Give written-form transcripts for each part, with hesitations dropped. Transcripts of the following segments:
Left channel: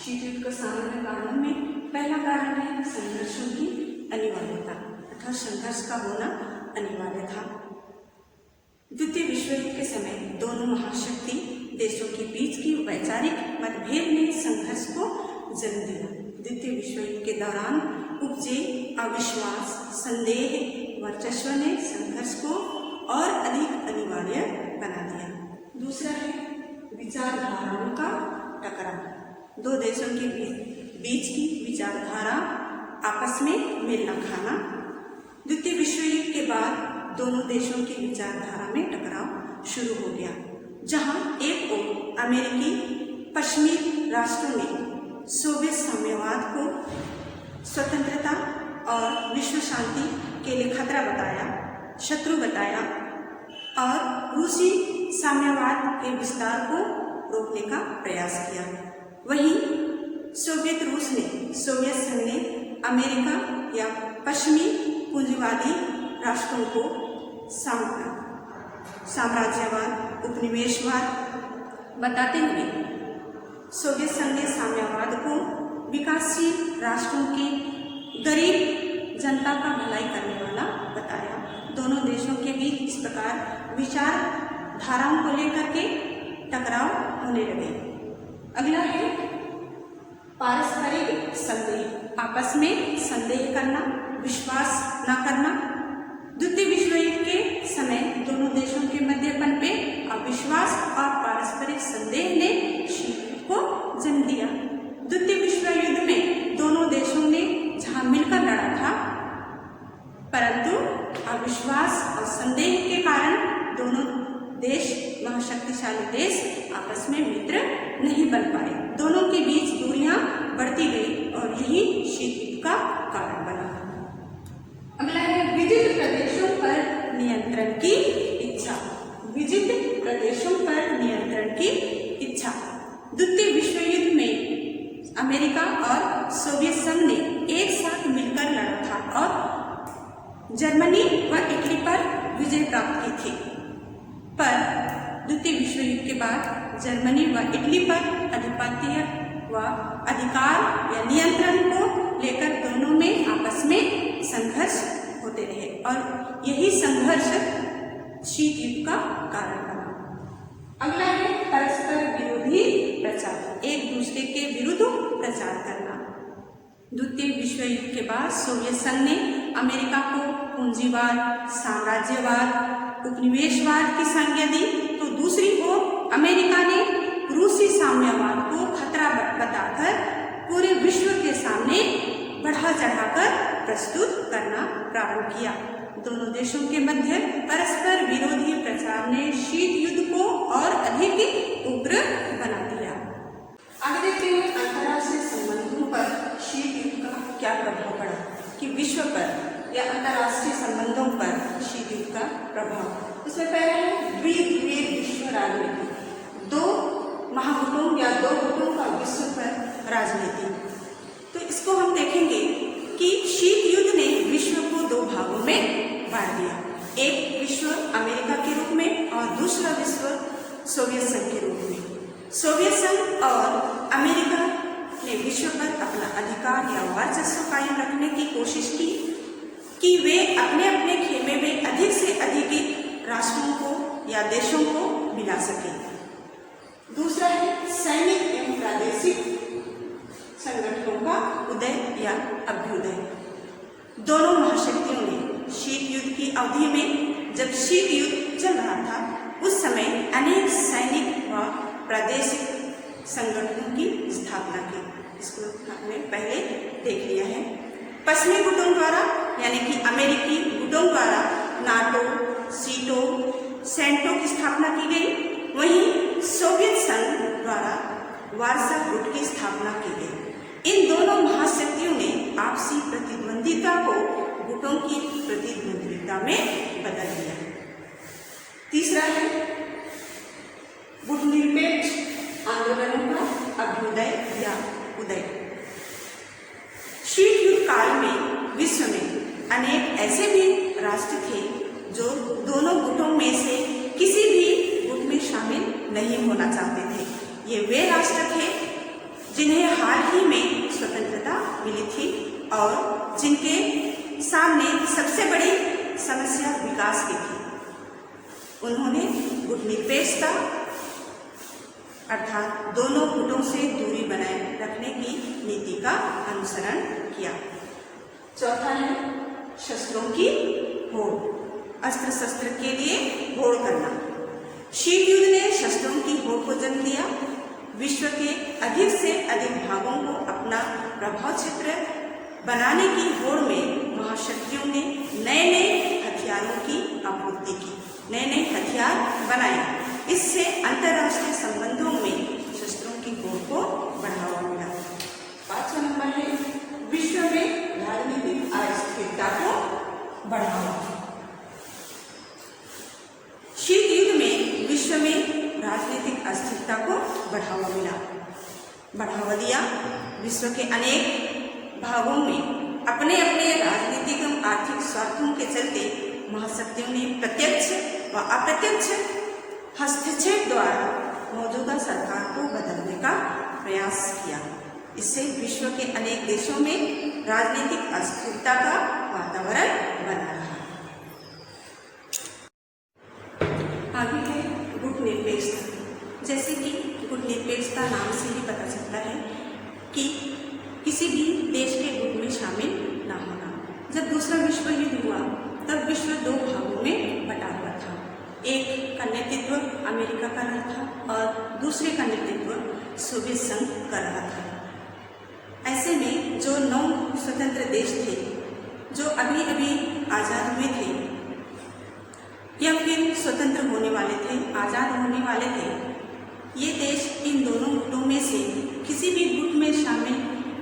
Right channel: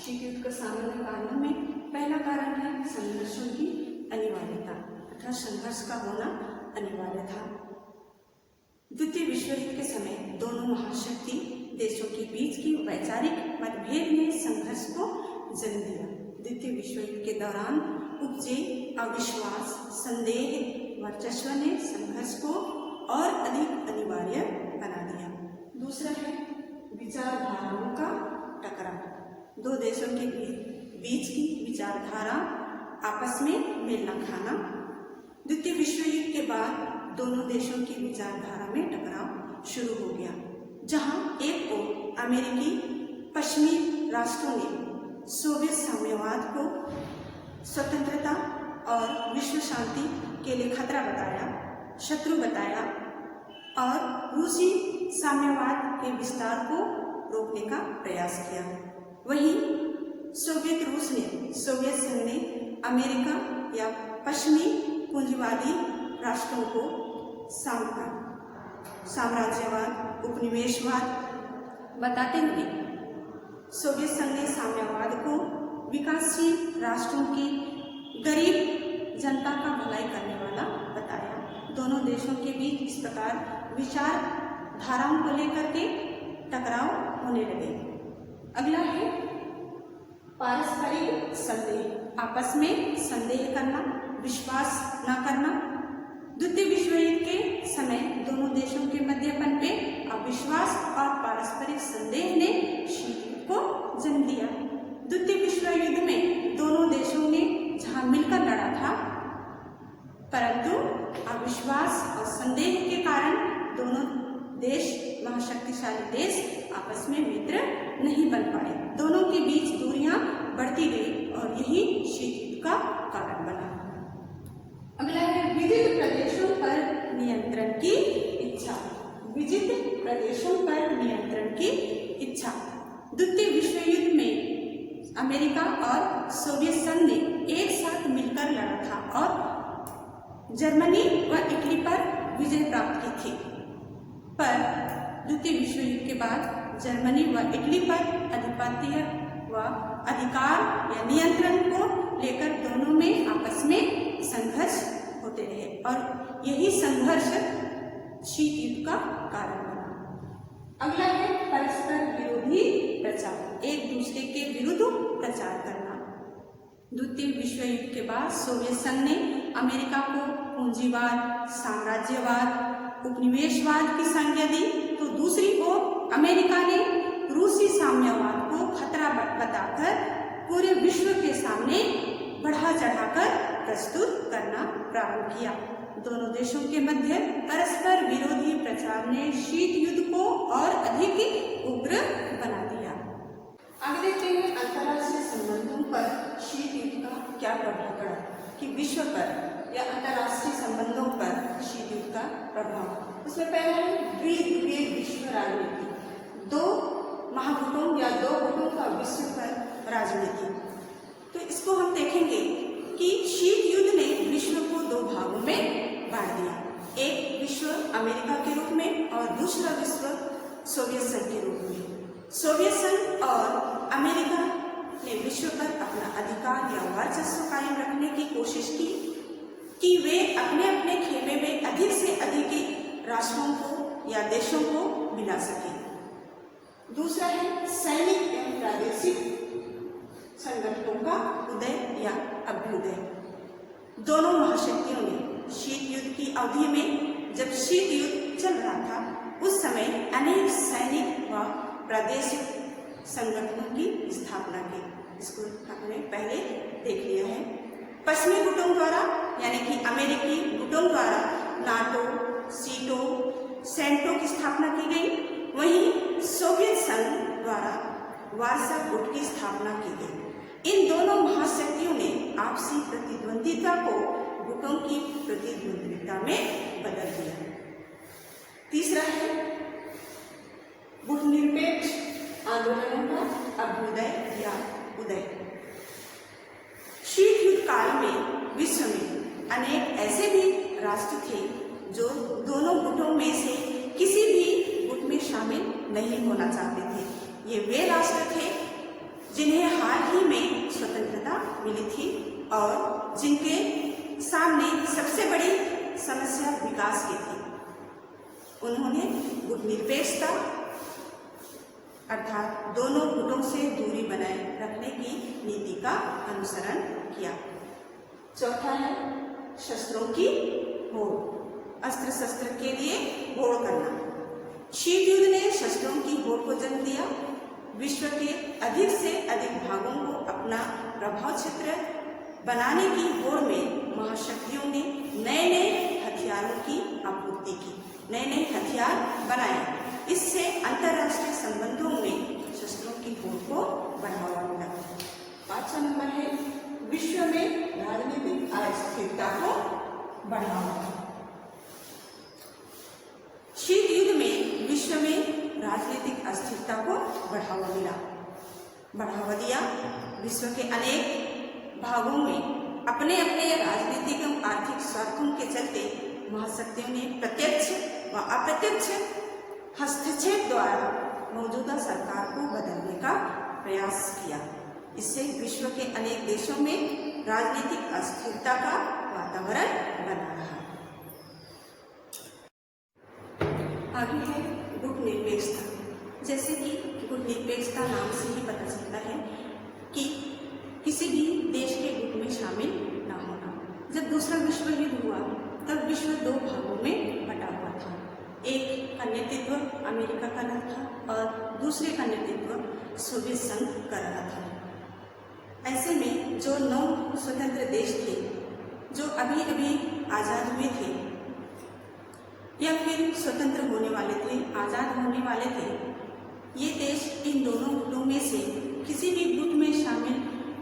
शीत युद्ध को सामान्य कारणों में पहला कारण है संघर्षों की अनिवार्यता अर्थात संघर्ष का होना अनिवार्य था। द्वितीय विश्व युद्ध के समय दोनों महाशक्ति देशों के बीच की वैचारिक मतभेद ने संघर्ष को जन्म दिया। द्वितीय विश्व युद्ध के दौरान उपजे अविश्वास, संदेह, वर्चस्व ने संघर्ष को और अधिक अनिवार्य बना दिया। दूसरा है विचारधाराओं का टकराव। दो देशों के बीच की विचारधारा आपस में मेल न खाना। द्वितीय विश्व युद्ध के बाद दोनों देशों की विचारधारा में टकराव शुरू हो गया, जहां एक ओर अमेरिकी पश्चिमी राष्ट्रों ने सोवियत साम्यवाद को स्वतंत्रता और विश्व शांति के लिए खतरा बताया, शत्रु बताया और रूसी साम्यवाद के विस्तार को रोकने का प्रयास किया। वहीं सोवियत संघ ने अमेरिका या पश्चिमी पूंजीवादी राष्ट्रों को साम्राज्यवाद, उपनिवेशवाद बताते हुए सोवियत संघ ने साम्यवाद को विकासशील राष्ट्रों के गरीब जनता का भलाई करने वाला बताया। दोनों देशों के बीच इस प्रकार विचारधाराओं को लेकर के टकराव होने लगे। अगला है पारस्परिक संदेह, आपस में संदेह करना, विश्वास न करना। द्वितीय विश्व युद्ध के समय दोनों देशों के मध्य पनपे अविश्वास और पारस्परिक संदेह ने शीत युद्ध को जन्म दिया। द्वितीय विश्व युद्ध में दोनों देशों ने जहां मिलकर लड़ा था, परंतु अविश्वास और संदेह के कारण दोनों देश, महाशक्तिशाली देश, आपस में मित्र नहीं बन पाए। दोनों के बीच दूरियां बढ़ती गई और यही शीत युद्ध का कारण बना। अगला है विजित प्रदेशों पर नियंत्रण की इच्छा। विजित प्रदेशों पर नियंत्रण की इच्छा। द्वितीय विश्व युद्ध में अमेरिका और सोवियत संघ ने एक साथ मिलकर लड़ा था और जर्मनी व इटली पर विजय प्राप्त की थी, पर द्वितीय विश्व युद्ध के बाद जर्मनी व इटली पर आधिपत्य व अधिकार या नियंत्रण को लेकर दोनों में आपस में संघर्ष होते रहे और यही संघर्ष शीत युद्ध का कारण बना। अगला है परस्पर विरोधी प्रचार, एक दूसरे के विरुद्ध प्रचार करना। द्वितीय विश्व युद्ध के बाद सोवियत संघ ने अमेरिका को पूंजीवाद, साम्राज्यवाद, उपनिवेशवाद की संज्ञा दी, तो दूसरी ओर अमेरिका ने रूसी साम्यवाद को खतरा बताकर पूरे विश्व के सामने बढ़ा चढ़ाकर प्रस्तुत करना प्रारंभ किया। दोनों देशों के मध्य परस्पर विरोधी प्रचार ने शीत युद्ध को और अधिक उग्र बना दिया। आगे देखते हैं अंतर्राष्ट्रीय संबंधों पर शीत युद्ध का क्या प्रभाव पड़ा, कि विश्व पर या अंतर्राष्ट्रीय संबंधों पर शीत युद्ध का प्रभाव। उसमें पहला है द्विध्रुवीय विश्व राजनीति, दो महागुटों या दो गुटों का विश्व पर राजनीति। तो इसको हम देखेंगे कि शीत युद्ध ने विश्व को दो भागों में बांट दिया, एक विश्व अमेरिका के रूप में और दूसरा विश्व सोवियत संघ के रूप में। सोवियत संघ और अमेरिका ने विश्व पर अपना अधिकार या वर्चस्व कायम रखने की कोशिश की कि वे अपने अपने खेमे में अधिक से अधिक राष्ट्रों को या देशों को मिला सके। दूसरा है सैनिक एवं प्रादेशिक संगठनों का उदय या अभ्युदय। दोनों महाशक्तियों ने शीत युद्ध की अवधि में, जब शीत युद्ध चल रहा था, उस समय अनेक सैनिक व प्रादेशिक संगठनों की स्थापना की। इसको हमने पहले देख लिया है। पश्चिमी गुटों द्वारा यानी कि अमेरिकी गुटों द्वारा नाटो, सीटो, सेंटो की स्थापना की गई। वहीं सोवियत संघ द्वारा वार्सा गुट की स्थापना की गई। इन दोनों महाशक्तियों ने आपसी प्रतिद्वंदिता को गुटों की प्रतिद्वंदिता में बदल दिया। तीसरा है गुटनिरपेक्ष आंदोलनों का अभ्युदय या उदय। शीत युद्ध काल में विश्व में अनेक ऐसे भी राष्ट्र थे जो दोनों गुटों में से किसी भी गुट में शामिल नहीं होना चाहते थे। ये वे राष्ट्र थे जिन्हें हाल ही में स्वतंत्रता मिली थी और जिनके सामने सबसे बड़ी समस्या विकास की थी। उन्होंने गुटनिरपेक्षता अर्थात दोनों गुटों से दूरी बनाए रखने की नीति का अनुसरण किया। चौथा है शस्त्रों की होड़, अस्त्र शस्त्र के लिए होड़ करना। शीत युद्ध ने शस्त्रों की होड़ को जन्म दिया। विश्व के अधिक से अधिक भागों को अपना प्रभाव क्षेत्र बनाने की होड़ में महाशक्तियों ने नए नए हथियारों की आपूर्ति की, नए नए हथियार बनाए। इससे अंतर्राष्ट्रीय संबंधों में शस्त्रों की होड़ को बढ़ावा मिला। 5वां नंबर है विश्व में राजनीतिक अस्थिरता को बढ़ावा। शीत युद्ध में विश्व में राजनीतिक अस्थिरता को बढ़ावा दिया। विश्व के अनेक भागों में अपने अपने राजनीतिक एवं आर्थिक स्वार्थों के चलते महाशक्तियों ने प्रत्यक्ष व अप्रत्यक्ष हस्तक्षेप द्वारा मौजूदा सरकार को बदलने का प्रयास किया। इससे विश्व के अनेक देशों में राजनीतिक अस्थिरता का वातावरण बना रहा। आगे है गुटनिरपेक्षता। जैसे कि गुटनिरपेक्षता नाम से ही पता चलता है कि किसी भी देश के गुट में शामिल ना होना। जब दूसरा विश्व युद्ध हुआ तब विश्व दो भागों में बटा हुआ था। एक का नेतृत्व अमेरिका कर रहा था और दूसरे का नेतृत्व सोवियत संघ कर रहा था। ऐसे में जो 9 स्वतंत्र देश थे जो अभी अभी आज़ाद हुए थे या फिर स्वतंत्र होने वाले थे, आज़ाद होने वाले थे, ये देश इन दोनों गुटों में से किसी भी गुट में शामिल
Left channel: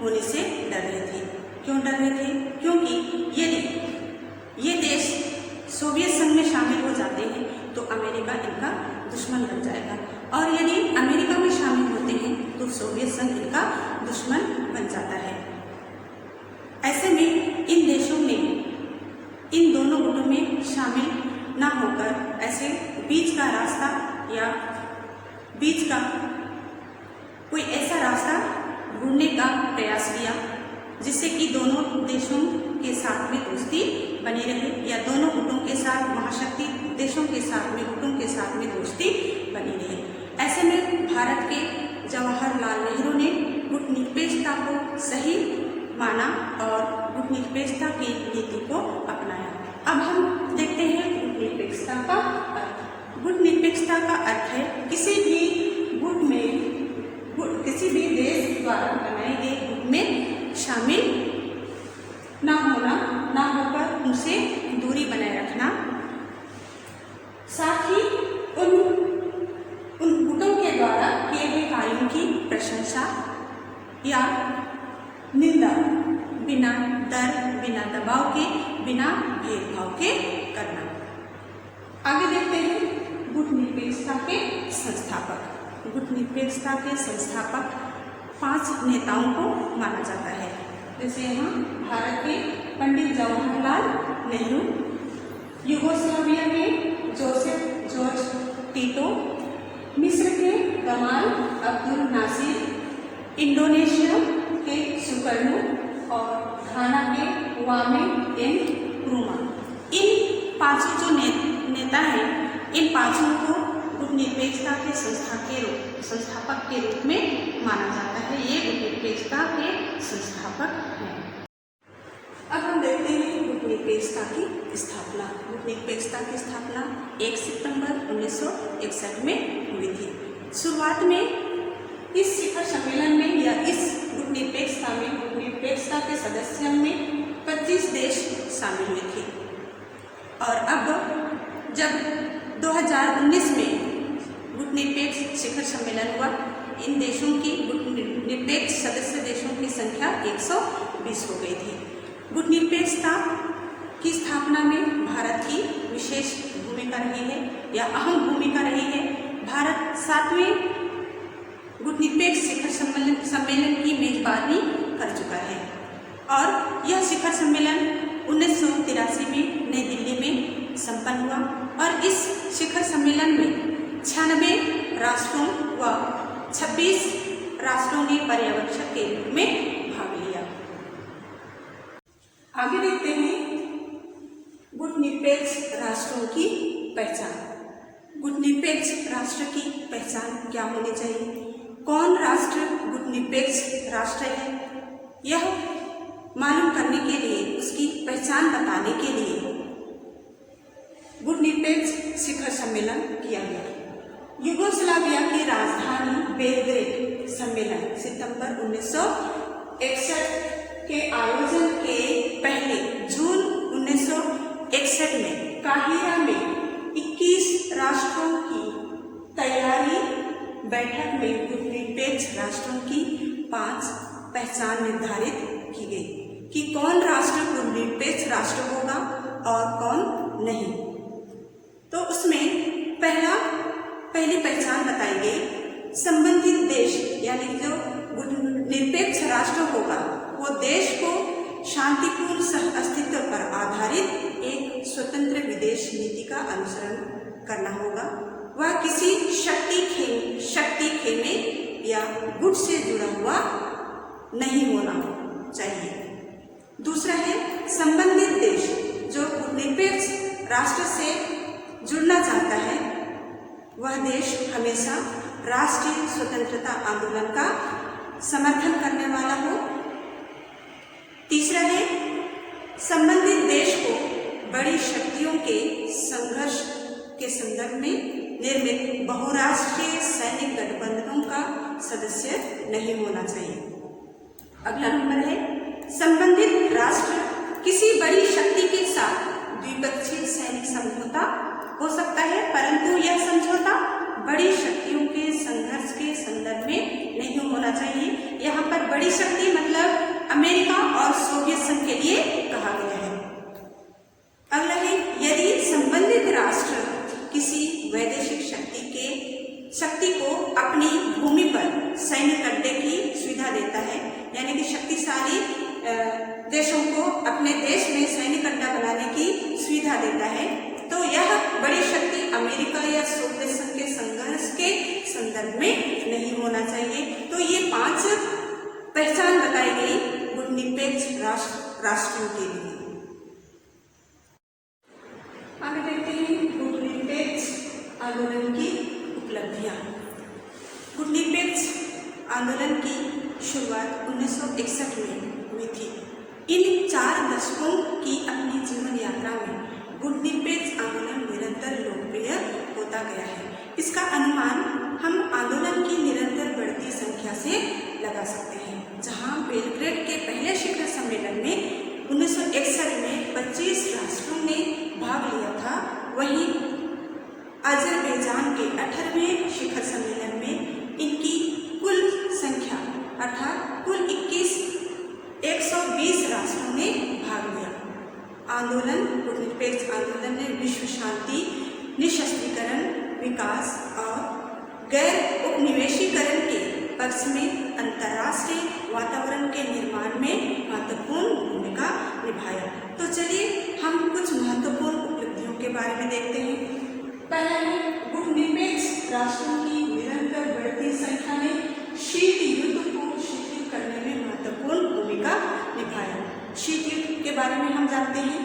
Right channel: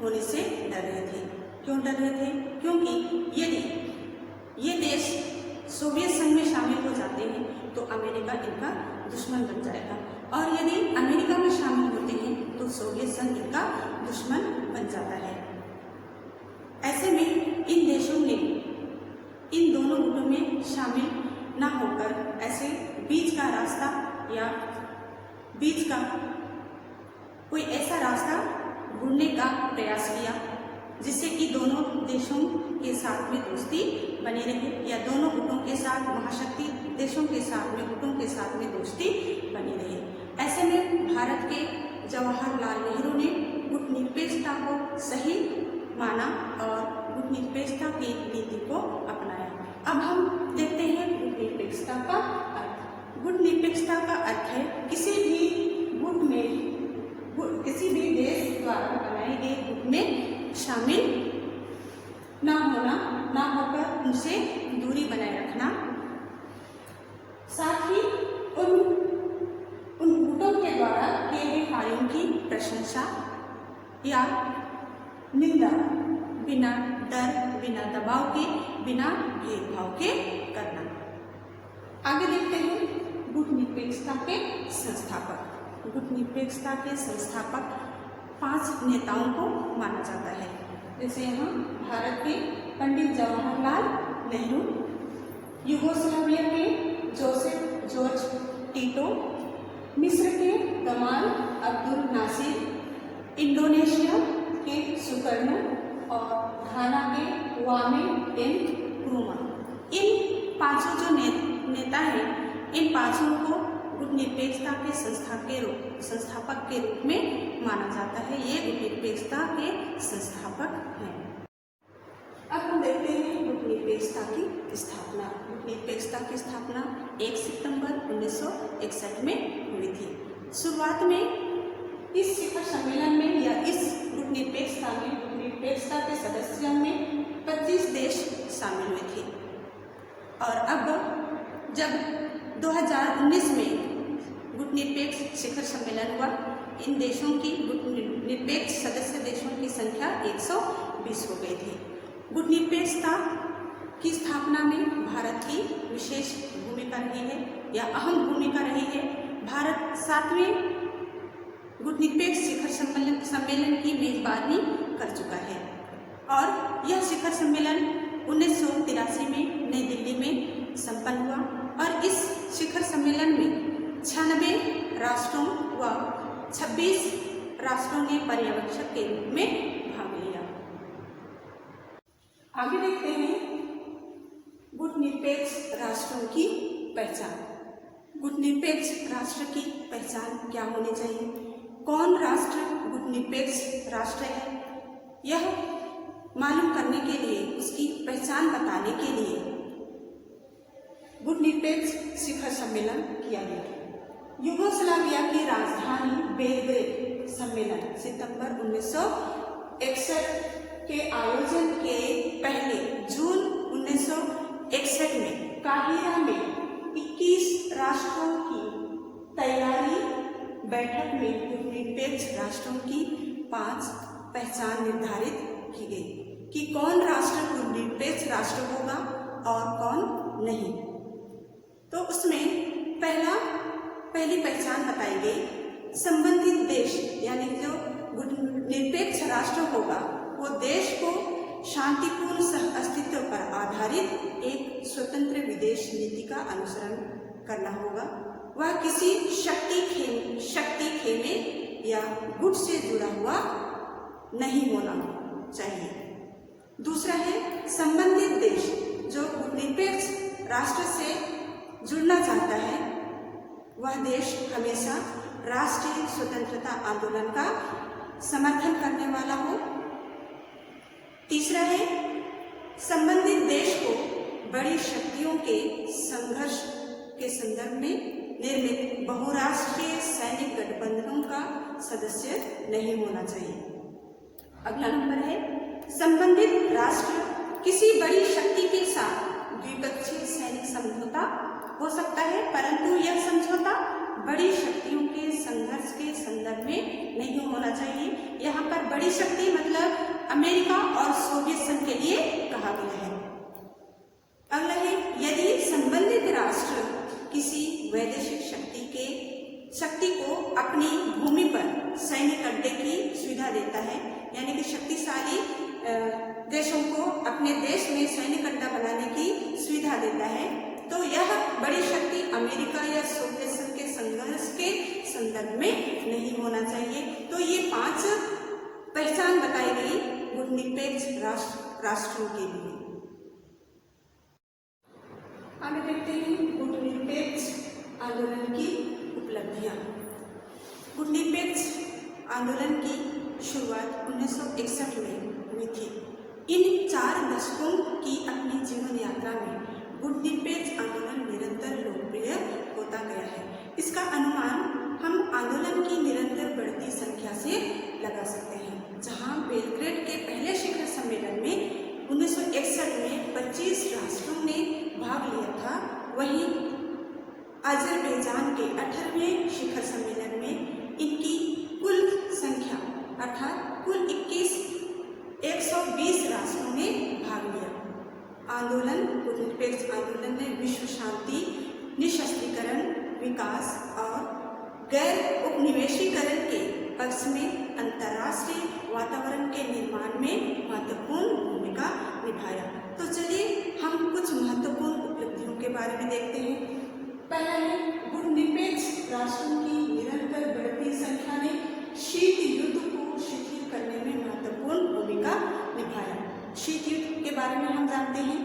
होने से डर रहे थे। क्यों डर रहे थे? क्योंकि यदि ये देश सोवियत संघ में शामिल हो जाते हैं तो अमेरिका इनका दुश्मन बन जाएगा और यदि अमेरिका में शामिल होते हैं तो सोवियत संघ इनका दुश्मन बन जाता है। ऐसे में इन देशों ने इन दोनों गुटों में शामिल ना होकर ऐसे बीच का रास्ता या बीच का कोई ऐसा रास्ता ढूंढने का प्रयास किया जिससे कि दोनों देशों के साथ में दोस्ती बनी रहे या दोनों गुटों के साथ महाशक्ति देशों के साथ में गुटों के साथ में दोस्ती बनी रहे। ऐसे में भारत के जवाहरलाल नेहरू ने गुटनिरपेक्षता को सही माना और गुटनिरपेक्षता की नीति को अपनाया। अब हम देखते हैं गुटनिरपेक्षता का अर्थ। गुटनिरपेक्षता का अर्थ है किसी भी गुट में किसी भी देश द्वारा बनाए गए गुट में शामिल ना होना, ना होकर उनसे दूरी बनाए रखना, साथ ही उन गुटों के द्वारा किए गए कार्यों की प्रशंसा या निंदा बिना डर, बिना दबाव के, बिना भेदभाव के करना। आगे देखते हैं गुटनिरपेक्षता के संस्थापक। गुटनिरपेक्षता के संस्थापक 5 नेताओं को माना जाता है। जैसे यहाँ भारत के पंडित जवाहरलाल नेहरू, यूगोस्लाविया के जोसेफ जॉर्ज टीटो, मिस्र के गमाल अब्दुल नासिर, इंडोनेशिया के सुकर्णो और घाना के क्वामे नक्रुमा। इन 5 जो नेता हैं, इन 5 को गुटनिरपेक्षता के संस्थापक के रूप में माना जाता है। ये गुटनिरपेक्षता के संस्थापक हैं। अब हम देखते हैं गुटनिरपेक्षता की स्थापना। गुटनिरपेक्षता की स्थापना 1 सितंबर 1961 में हुई थी। शुरुआत में इस शिखर सम्मेलन में या इस गुटनिरपेक्षता के सदस्यों में 25 देश शामिल हुए थे और अब जब 2019 में गुटनिरपेक्ष शिखर सम्मेलन हुआ, इन देशों की गुटनिरपेक्ष सदस्य देशों की संख्या 120 हो गई थी। गुटनिरपेक्षता की स्थापना में भारत की विशेष भूमिका रही है या अहम भूमिका रही है। भारत 7वें गुटनिरपेक्ष शिखर सम्मेलन की मेजबानी कर चुका है और यह शिखर सम्मेलन 1983 में नई दिल्ली में संपन्न हुआ और इस शिखर सम्मेलन में 96 राष्ट्रों व 26 राष्ट्रों ने पर्यवेक्षक के रूप में भाग लिया। आगे देखते हैं गुटनिरपेक्ष राष्ट्रों की पहचान। गुटनिरपेक्ष राष्ट्र की पहचान क्या होनी चाहिए? कौन राष्ट्र गुटनिरपेक्ष राष्ट्र है, यह मालूम करने के लिए, उसकी पहचान बताने के लिए गुटनिरपेक्ष शिखर सम्मेलन किया गया। यूगोस्लाविया की राजधानी बेलग्रेड सम्मेलन सितंबर 1961 के आयोजन के पहले जून 1961 में काहिरा में 21 राष्ट्रों की तैयारी बैठक में गुटनिरपेक्ष राष्ट्रों की 5 पहचान निर्धारित की गई कि कौन राष्ट्र गुटनिरपेक्ष राष्ट्र होगा और कौन नहीं। तो उसमें पहली पहचान बताई गई, संबंधित देश यानी जो गुटनिरपेक्ष राष्ट्र होगा वो देश को शांतिपूर्ण सह अस्तित्व पर आधारित एक स्वतंत्र विदेश नीति का अनुसरण करना होगा। वह किसी शक्ति खेमे या गुट से जुड़ा हुआ नहीं होना चाहिए। दूसरा है, संबंधित देश जो गुटनिरपेक्ष राष्ट्र से जुड़ना चाहता है वह देश हमेशा राष्ट्रीय स्वतंत्रता आंदोलन का समर्थन करने वाला हो। तीसरा है, संबंधित देश को बड़ी शक्तियों के संघर्ष के संदर्भ में निर्मित बहुराष्ट्रीय सैनिक गठबंधनों का सदस्य नहीं होना चाहिए। अगला नंबर है, संबंधित राष्ट्र किसी बड़ी शक्ति के साथ द्विपक्षीय सैनिक समझौता हो सकता है, परंतु यह समझौता बड़ी शक्तियों के संघर्ष के संदर्भ में नहीं होना चाहिए। यहाँ पर बड़ी शक्ति मतलब अमेरिका और सोवियत संघ के लिए कहा गया है। अगला है, यदि संबंधित राष्ट्र किसी वैदेशिक शक्ति को अपनी भूमि पर सैनिक अड्डे की सुविधा देता है, यानी कि शक्तिशाली देशों को अपने देश में सैनिक अड्डा बनाने की सुविधा देता है, तो यह बड़ी शक्ति अमेरिका या सोवियत संघ के संघर्ष के संदर्भ में नहीं होना चाहिए। तो ये 5 पहचान बताई गई गुटनिरपेक्ष राष्ट्रों के लिए। आगे देखते हैं गुटनिरपेक्ष आंदोलन की उपलब्धियां। गुटनिरपेक्ष आंदोलन की शुरुआत 1961 में हुई थी। इन 4 दशकों की अपनी जीवन यात्रा में गुटनिरपेक्ष आंदोलन निरंतर लोकप्रिय होता गया है। इसका अनुमान हम आंदोलन की निरंतर बढ़ती संख्या से लगा सकते हैं। जहां बेलग्रेड के पहले शिखर सम्मेलन में 1961 में 25 राष्ट्रों ने भाग लिया था, वहीं अजरबैजान के 18वें शिखर सम्मेलन में इनकी कुल संख्या अर्थात कुल 120 राष्ट्रों ने भाग लिया। गुटनिरपेक्ष आंदोलन ने विश्व शांति, निशस्त्रीकरण, विकास और गैर उपनिवेशीकरण के पक्ष में अंतर्राष्ट्रीय वातावरण के निर्माण में महत्वपूर्ण भूमिका निभाया। तो चलिए हम कुछ महत्वपूर्ण उपलब्धियों के बारे में देखते हैं। पहला है, गुटनिरपेक्ष राष्ट्रों की निरंतर बढ़ती संख्या ने शीत युद्ध को शिथिल करने में महत्वपूर्ण भूमिका निभाया। शीत युद्ध के बारे में हम जानते हैं,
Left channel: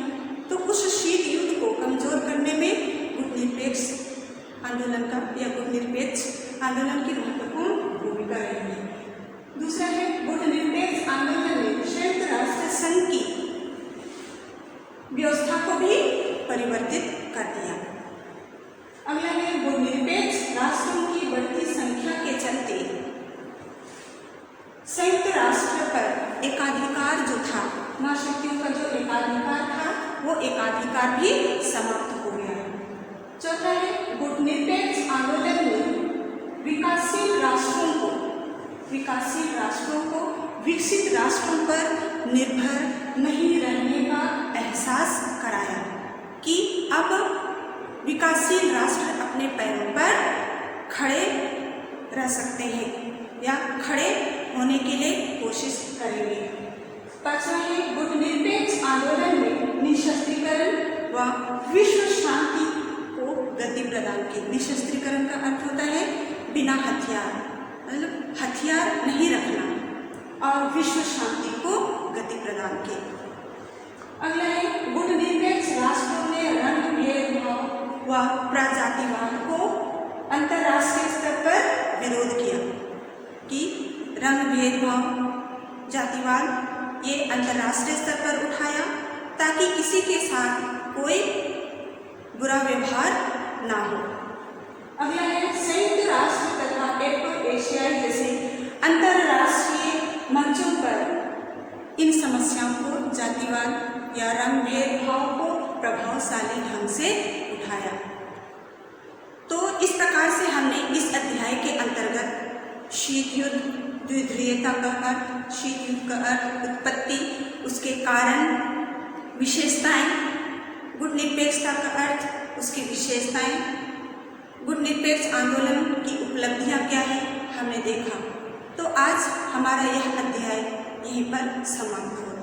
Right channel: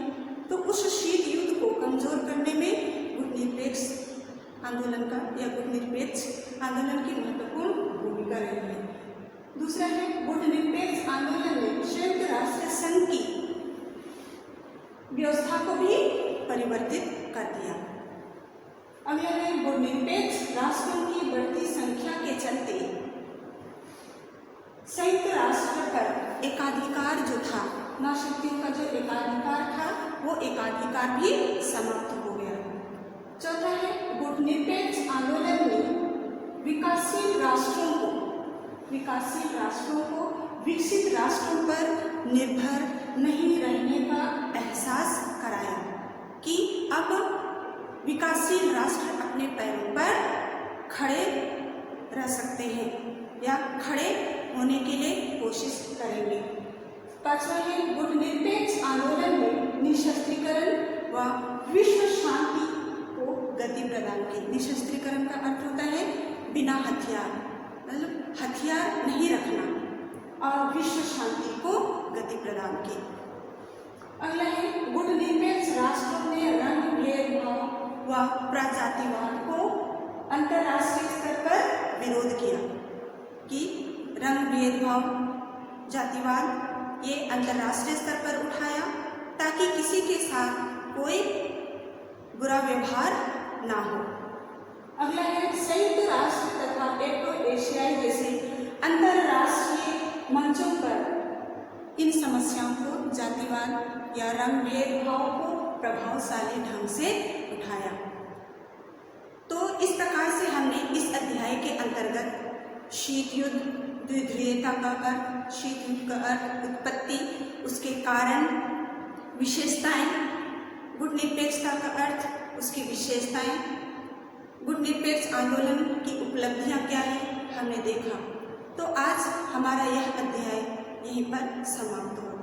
तो उस शीत युद्ध को कमजोर करने में गुटनिरपेक्ष आंदोलन की महत्वपूर्ण भूमिका रही है। दूसरा है, गुटनिरपेक्ष आंदोलन ने संयुक्त राष्ट्र संघ की व्यवस्था को भी परिवर्तित कर दिया। अगला है, गुटनिरपेक्ष राष्ट्रों की बढ़ती संख्या के चलते संयुक्त राष्ट्र पर एकाधिकार जो था, महाशक्तियों का जो एकाधिकार था वो एकाधिकार भी समाप्त हो गया। चौथा है, गुटनिरपेक्ष आंदोलन ने विकासशील राष्ट्रों को विकसित राष्ट्रों पर निर्भर नहीं रहने का एहसास कराया कि अब विकासशील राष्ट्र अपने पैरों पर खड़े रह सकते हैं या खड़े होने के लिए कोशिश करेंगे। पांचवा है, गुटनिरपेक्ष आंदोलन में निशस्त्रीकरण व विश्व शांति को गति प्रदान की। निशस्त्रीकरण का अर्थ होता है बिना हथियार, मतलब हथियार नहीं और विश्व शांति को गति प्रदान की। अगला है गुणनिरपेक्ष राष्ट्रों ने रंग भेदभाव व प्रजातिवाद को अंतर्राष्ट्रीय स्तर पर विरोध किया कि रंग भेदभाव जातिवाद ये अंतर्राष्ट्रीय स्तर पर उठाया ताकि किसी के साथ कोई बुरा व्यवहार ना हो। अगला है संयुक्त राष्ट्र तथा एक्टो एशियाई जैसे अंतर्राष्ट्रीय मंचों पर इन समस्याओं को जातिवाद या रंग भेदभाव को प्रभावशाली ढंग से उठाया। तो इस प्रकार से हमने इस अध्याय के अंतर्गत शीत युद्ध, द्विध्रुवीयता का अर्थ, शीत युद्ध का अर्थ, उत्पत्ति, उसके कारण, विशेषताएं, गुणनिरपेक्षता का अर्थ, उसकी विशेषताएं, गुणनिरपेक्ष आंदोलन की उपलब्धियां क्या है हमने देखा। तो आज हमारा यह अध्याय यहीं पर समाप्त हो